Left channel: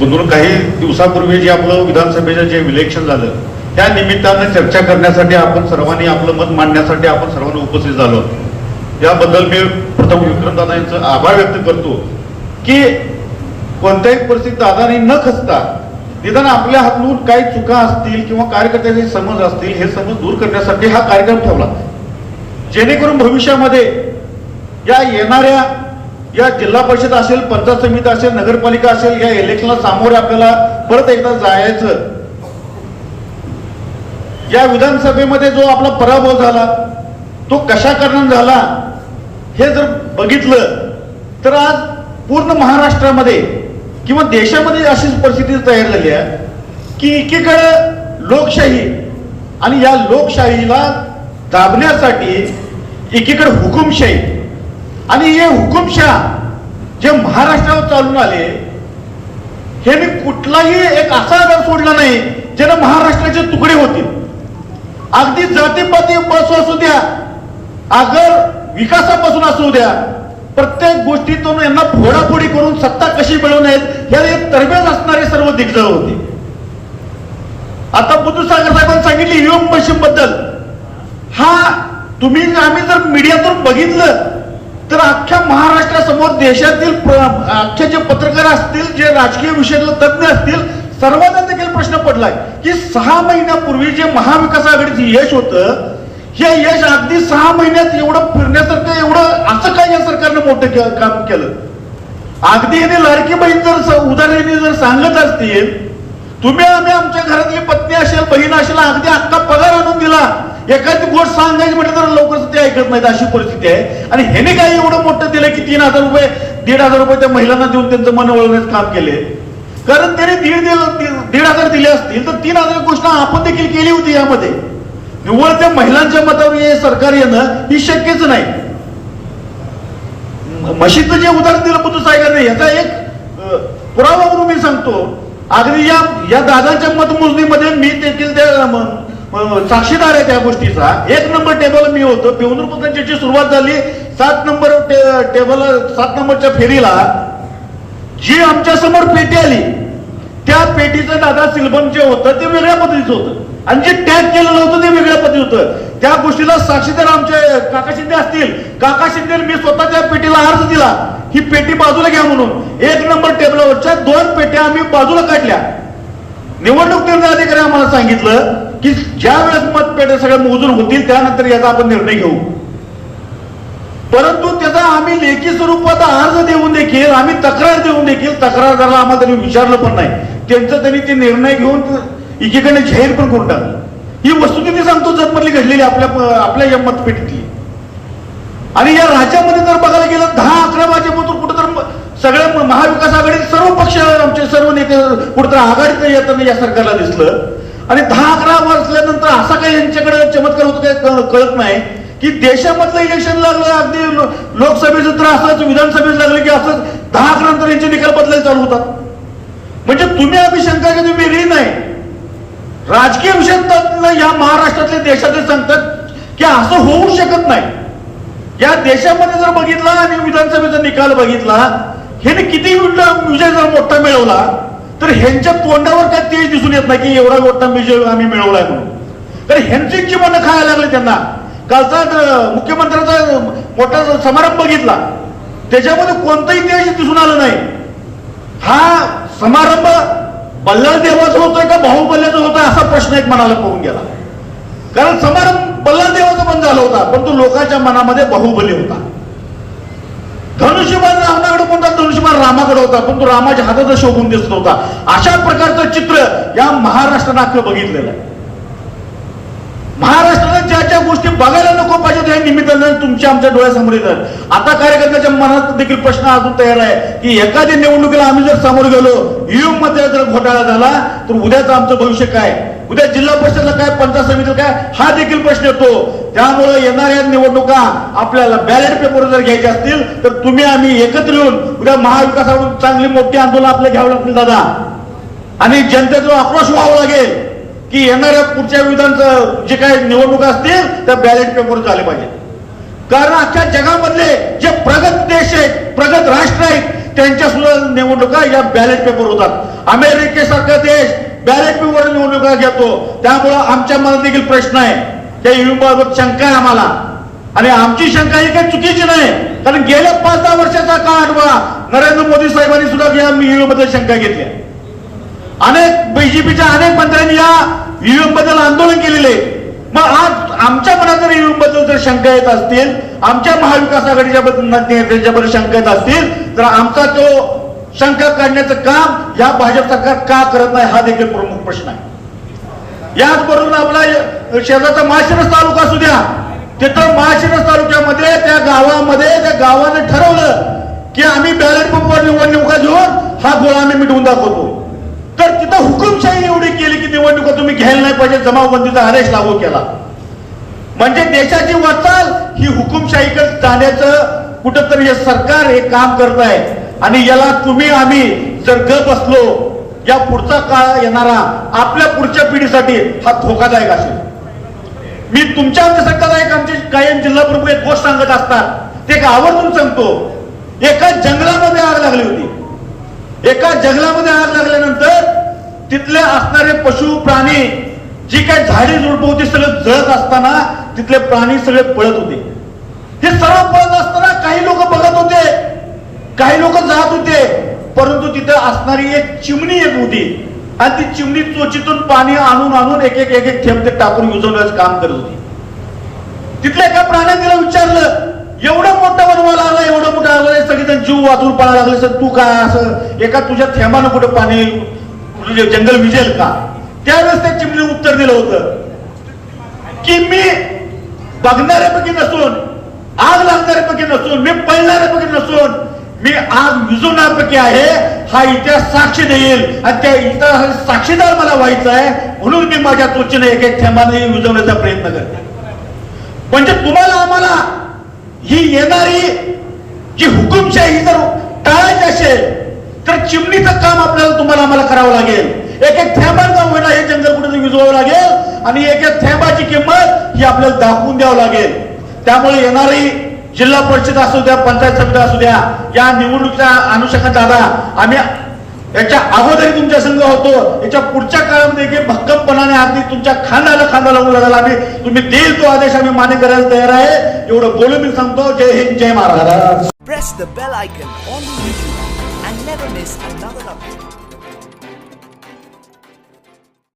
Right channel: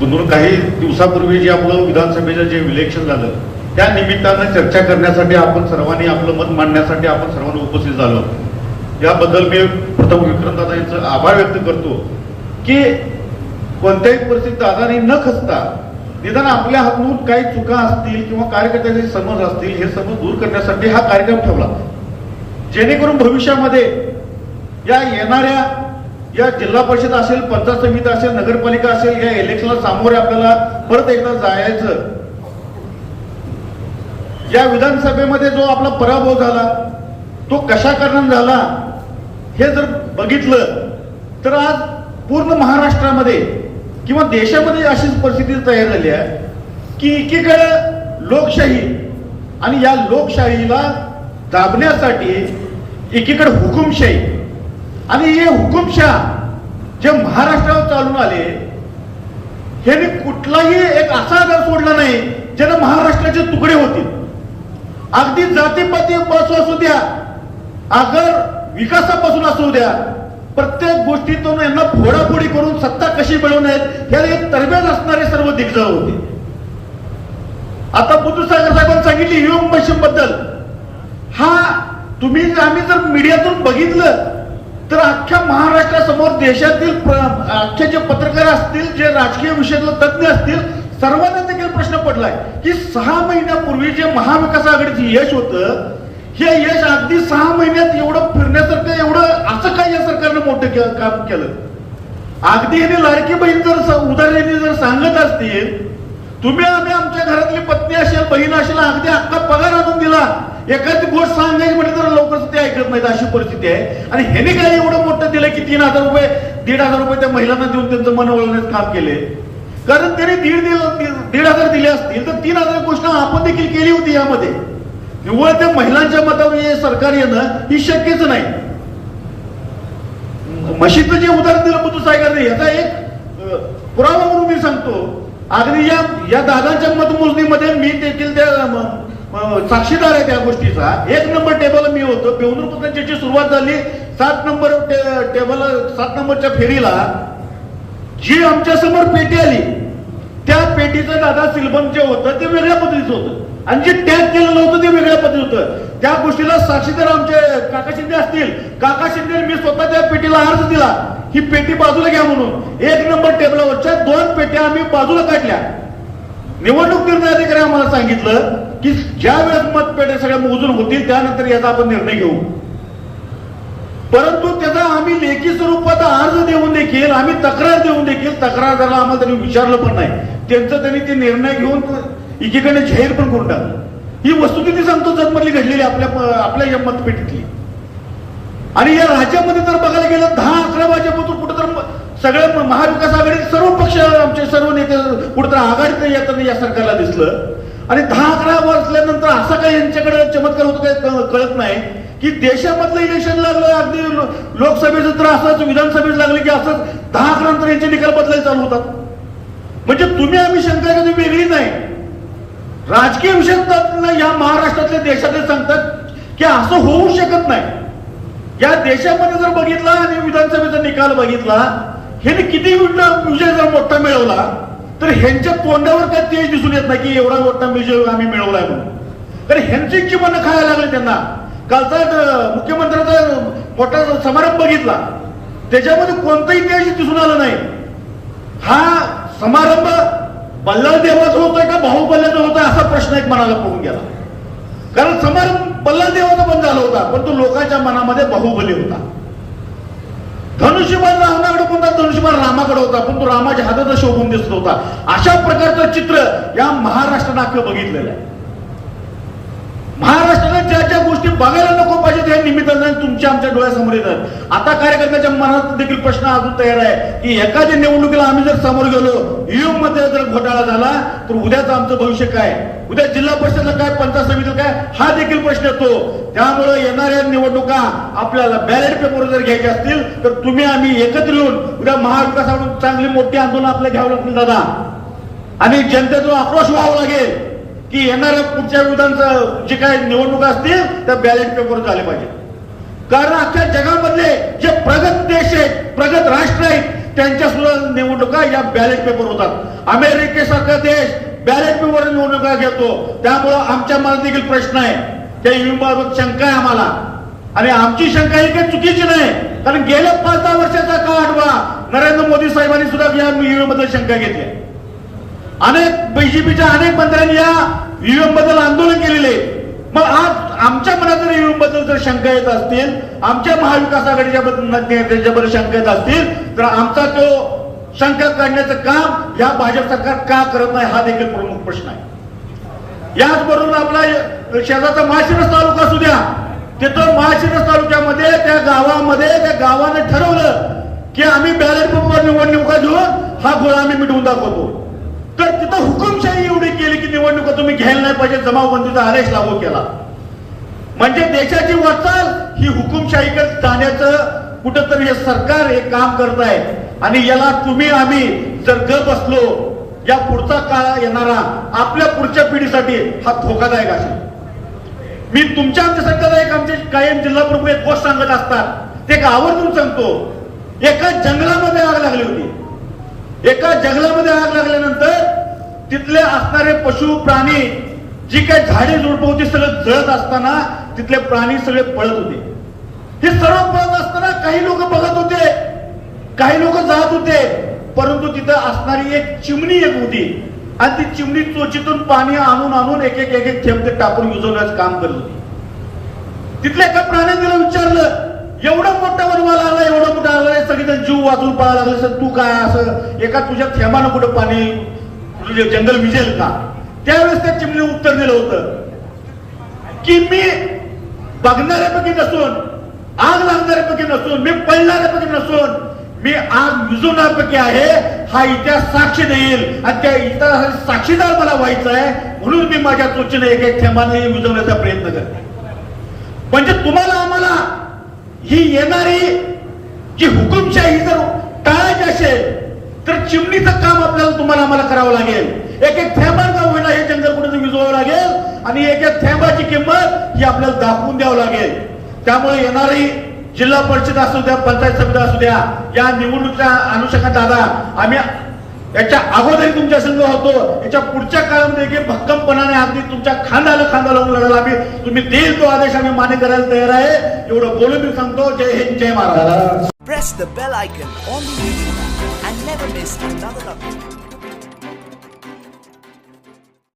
दोन काही दिवसापूर्वी जे आपलं विधानसभेचं जे इलेक्शन झालं त्या निमित्तानं चर्चा करण्यासाठी आपण सर्वांनी आपलं मत मांडण्यासाठी आपण सर्वांनी उपस्थित झालो याबद्दल मी प्रथम विक्रमदादा यांचं आभार व्यक्त करतो की कोणत्याही परिस्थितीत दादानी न खचता निदान आपल्या हातून काही चुका असतील किंवा कार्यकर्त्याचे समज असतील हे समज दूर करण्यासाठी हा कार्यक्रम ठेवला. जेणेकरून भविष्यामध्ये या येणाऱ्या या जिल्हा परिषद असेल पंचायत समिती असेल नगरपालिका असेल या इलेक्शनला सामोरं आपल्याला परत एकदा जायचं. या विधानसभेमध्ये जो आपला पराभव झाला तो कशा कारणाने झाला हे जर बघितलं तर आज पूर्ण महाराष्ट्रामध्ये किंवा देशामध्ये अशी परिस्थिती तयार झाली आहे की एकीकडे लोकशाही आणि या लोकशाहीला दाबण्यासाठी एकीकडे हुकुमशाही आणि हे हुकुमशाह जे महाराष्ट्रावर चालून आले हे कुठलाही एक असा आधार सोडला नाही ज्यानं महाराष्ट्राचे तुकडे होते अगदी जातीपाती बस असू द्या अगर विकासापासून असू द्या प्रत्येक गोष्टीतून यांना फोडाफोडी करून सत्ता कशी मिळवण्यात याला एक तरबेज असणारे सर्व दिग्गज होते. आता बुद्धसागर साहेबांनी सांगितले ईव्हीएम मशीन बद्दल हा तुम्ही आम्ही जर मीडियातून बघितलं तर अख्ख्या महाराष्ट्रासमोर देशातील अख्खे जे पत्रकार असतील जे राजकीय विषयातले तज्ज्ञ असतील सर्वांना देखील प्रश्न पडलाय की सहा महिन्यापूर्वी जे महाविकास आघाडीचं यश होतं हे यश अगदी सहा महिन्यात एवढं फिरण्यासारखं एवढं असं काय या सरकारनं मोठं के- काम केलं? अगदी याने लाडकी बहीण जर स- जर सांगत असतील तुम्ही आम्ही आमच्या घरातली पत्नी असेल बहीण असेल अगदी आत्ता पगार आणून दिला. एखादी गोष्ट सांगायची म्हटलं तर लवकर ते ऐकत नाहीत अशी परिस्थिती आहे. आणि ह्याने काय एवढं मोठं दिलं की तीन हजार रुपये दीड हजार रुपये त्या महिलांना देऊन त्यांचं मन वळवण्याचं काम केले? कारण त्याने दीड दीड हजार दिले असतील तर तीन हजार गोष्ट आपण देखील केली होती यामध्ये. निव्वळ त्या महिलांच्या मतावर हे सरकार येणं ही शक्यच नाही. म्हशीचं जे उदाहरण दिलं बुद्ध साहेबांनी याचा एक पुरावा म्हणून मी सांगतो. अगदी या या दादाच्या मतमोजणीमध्ये मी देखील त्या साक्षीदार आहे त्या गोष्टीचा. एक नंबर टेबल मी होतो. पेवनूर त्यांची सुरुवात झाली. सात नंबर टे- टेबल सात नंबरच्या फेरीला जी आमच्यासमोर पेटी आली त्या पेटीचं दादा सिल्बम जे होतं ते वेगळ्या पद्धतीचं होतं. आणि जे टॅग केलेलं होतं ते वेगळ्या पद्धती होतं. त्या गोष्टीला साक्षीदार आमचे असतील काका शिंदे मी स्वतः त्या पेटीला अर्ज दिला. ही पेटी बाजूला घ्या म्हणून. एक नंबर टेबलावरच्या दोन पेट्या आम्ही बाजूला काढल्या. निवडणूक निर्णय अधिकारी आम्हाला सांगितलं की ज्या वेळेस मतपेट्या सगळ्या मोजून होतील त्यानंतर याचा आपण निर्णय घेऊ. परंतु त्याचा आम्ही लेखी स्वरूपात अर्ज देऊन देखील आम्ही तक्रार देऊन देखील तक्रारदाराला आम्हाला त्यांनी विचारलं पण नाही. त्यांचं त्यांनी ते निर्णय घेऊन एकीकडे जाहीर पण करून टाकलं. ही वस्तुस्थिती सांगतो जगमधली घडलेली आपल्या आपल्या या मतपेटीतली. आणि या राज्यामध्ये जर बघायला गेलं दहा अकरा वाजेपासून कुठं तर सगळ्या महाविकास आघाडीत सर्व पक्ष आमचे सर्व नेते कुठं तर आघाडीत येताना या सरकारला दिसलं. आणि दहा अकरा वाजल्यानंतर असा काही यांच्याकडे चमत्कार होतो काय कळत नाही की देशामधलं इलेक्शन लागलं अगदी लोकसभेचं तर असंच विधानसभेचं लागलं की असंच दहा अकरा नंतर यांचे निकाल बदलायला चालू होतात. म्हणजे तुम्ही आम्ही शंका तुम्ही वेगळी नाही. राजकीय विषयात या महाराष्ट्रातले देशातले सांगतात की असं होऊ शकत नाही. या देशामध्ये जर बघितला आणि विधानसभेचा निकाल बघितला ह्याने किती विजय जर मोठा मिळवला तर ह्यांच्या तोंडावर काय तेज दिसून येत नाही की एवढा मोठा विजय आम्ही मिळवलाय म्हणून. तर ह्यांची जीवन खायला लागले त्यांना. कालचा अं, मुख्यमंत्र्याचा मोठा समारंभ बघितला त्याच्यामध्ये कोणतंही तेज दिसून आलं नाही. हा समारंभ बल्लाळ देवाचा होतोय का बाहुबल्याचा होता असा प्रश्न एक मनाला पडून गेला. कारण समारंभ बल्लाळ होता पण तो लोकांच्या मनामध्ये बाहुबली होता. धनुष्यबाण रामाकडे कोणता? धनुष्यबाण रामाकडे होता पण तो रामाच्या हाताचा शोभून दिसत होता. अशा प्रकारचं चित्र या महाराष्ट्रानं अख्खं बघितलेलं आहे. महाराष्ट्राला ज्या ज्या गोष्टी बघायला नको पाहिजे त्या निमित्तानं तुमच्या आमच्या डोळ्यासमोर येतात. आता कार्यकर्त्याच्या मनात देखील प्रश्न अजून तयार आहे की एखाद्या निवडणुकीला आम्ही जर समोर गेलो ईव्हीएममध्ये जर घोटाळा झाला तर उद्याचं आमचं भविष्य काय? उद्या जिल्हा परिषदला काय पंचायत समितीला काय हा देखील प्रश्न येतो. त्यामुळे येणाऱ्या निवडणुका आपल्याला बॅलेट पेपर जर घ्यायच्या असतील तर तुम्ही आम्ही एकत्र येऊन उद्या महाविकासावर चांगली मोठी आंदोलन आपल्याला घ्यावं लागतील दादा. आणि जनतेचा आक्रोश व्हावा लागेल की येणाऱ्या पुढच्या विधानचं जे काही निवडणुका असतील त्या बॅलेट पेपर झाले पाहिजे. कारण अख्ख्या जगामधले जे प्रगत देश आहेत प्रगत राष्ट्र आहेत त्यांच्या सुद्धा निवडणुका या बॅलेट पेपर होतात. अमेरिकेसारखा देश बॅलेट निवडणुका घेतो. त्यामुळं आमच्या मनात देखील प्रश्न आहे. त्या ईव्हीएम शंका आहे आम्हाला. आणि आमची शंका ही काही चुकीची नाही. कारण गेल्या पाच दहा वर्षाचा काळ आठवा नरेंद्र मोदी साहेबांनी सुद्धा या ईव्हीएमबद्दल शंका घेतल्या अनेक बीजेपीच्या अनेक मंत्र्यांनी या ईव्हीएमबद्दल आंदोलन केलेले मग आज आमच्या मनात जर ईव्हीएमबद्दल जर शंका येत असतील आमच्या महाविकास आघाडीच्या बद्दल शंका येत असतील तर आमचा तो शंका काढण्याचं काम या भाजप सरकार का करत नाही हा देखील प्रमुख प्रश्न आहे. याचबरोबर आपला शेजारचा माशिरस तालुका असू द्या तिथं माशिरस तालुक्यामध्ये त्या गावामध्ये त्या गावानं ठरवलं की आम्ही बॅलेट पेपर निवडणुका घेऊन हा गोळा आम्ही मिटवून दाखवतो. तर तिथं हुकुमशाही एवढी केली की निवडणुका तुम्ही घ्यायला नाही पाहिजे जमावबंदीचा आदेश लागू केला. म्हणजे देशाची वाटचाल ही हुकुमशाहीकडे जाण्याचं कुठंतरी हे सरकार हे काम करत आहे. आणि याला तुम्ही आम्ही जर ग बसलो या पुढचा काळ येणारा आपल्या पुढच्या पिढीसाठी हा धोकादायक असेल. मी तुमच्या आमच्यासारखा एक आमचे कायम जिल्हा प्रमुख एक गोष्ट सांगत असतात. ते आवर्जून सांगतो. एका जंगलामध्ये आग लागली होती. एका जंगलामध्ये आग लागल्यानंतर तिथले असणारे पशु प्राणी जी काही झाडे झुडप होती सगळं जळत असताना तिथले प्राणी सगळे पळत होते. हे सर्व पळत असताना काही लोक बघत होते. काही लोक जात होते परंतु तिथं असणारी एक चिमणी एक होती. आणि ती चिमणी चोचीतून पाणी आणून आणून एक एक एक एक थेंब ते टाकून विजवण्याचं काम करत होती. तिथल्या एका प्राण्याने तिला विचारलं एवढं मोठं वनवा लागला एवढं मोठं आलं सगळेजण जीव वाचून पळायला लागले सर तू काय असं एका तुझ्या थेंबानं कुठं पाणी म्हणजे जंगल विजेल का? त्यावेळेस त्या चिमणीने उत्तर दिलं होतं की मी बघणाऱ्यापैकी नसून आग लागणाऱ्यापैकी नसून मी पळणाऱ्यापैकी नसून मी आज विझवण्यापैकी आहे. हा इतिहास साक्षी देईल. आणि त्या इतिहास साक्षीदार मला व्हायचं आहे म्हणून मी माझ्या त्वचेने एक एक थेंबाने विझवण्याचा प्रयत्न करते. म्हणजे तुम्हाला आम्हाला ही येणारी जी हुकुमशाही जर टाळायची असेल तर चिमणीचं काम आपल्याला तुम्हाला आम्हाला करावं लागेल. एक एक थेंबांचा होईना हे जंगल कुठे विजवावं लागेल. आणि एक एक थेंबाची किंमत ही आपल्याला दाखवून द्यावं लागेल. त्यामुळे येणारी जिल्हा परिषद असू द्या पंचायत समिती असू द्या या निवडणुकीच्या अनुषंगाने दादा आम्ही याच्या अगोदर तुमच्या संघ होतो. याच्या पुढच्या काळामध्ये की भक्कमपणाने अगदी तुमच्या खांदाला खांदा लावून लढायला आम्ही तुम्ही देईल तो आदेश आम्ही मान्य करायला तयार आहे. एवढं बोलून मी सांगतो. जय हिंद जय Maharaj press the bell icon on the YouTube and never miss another update.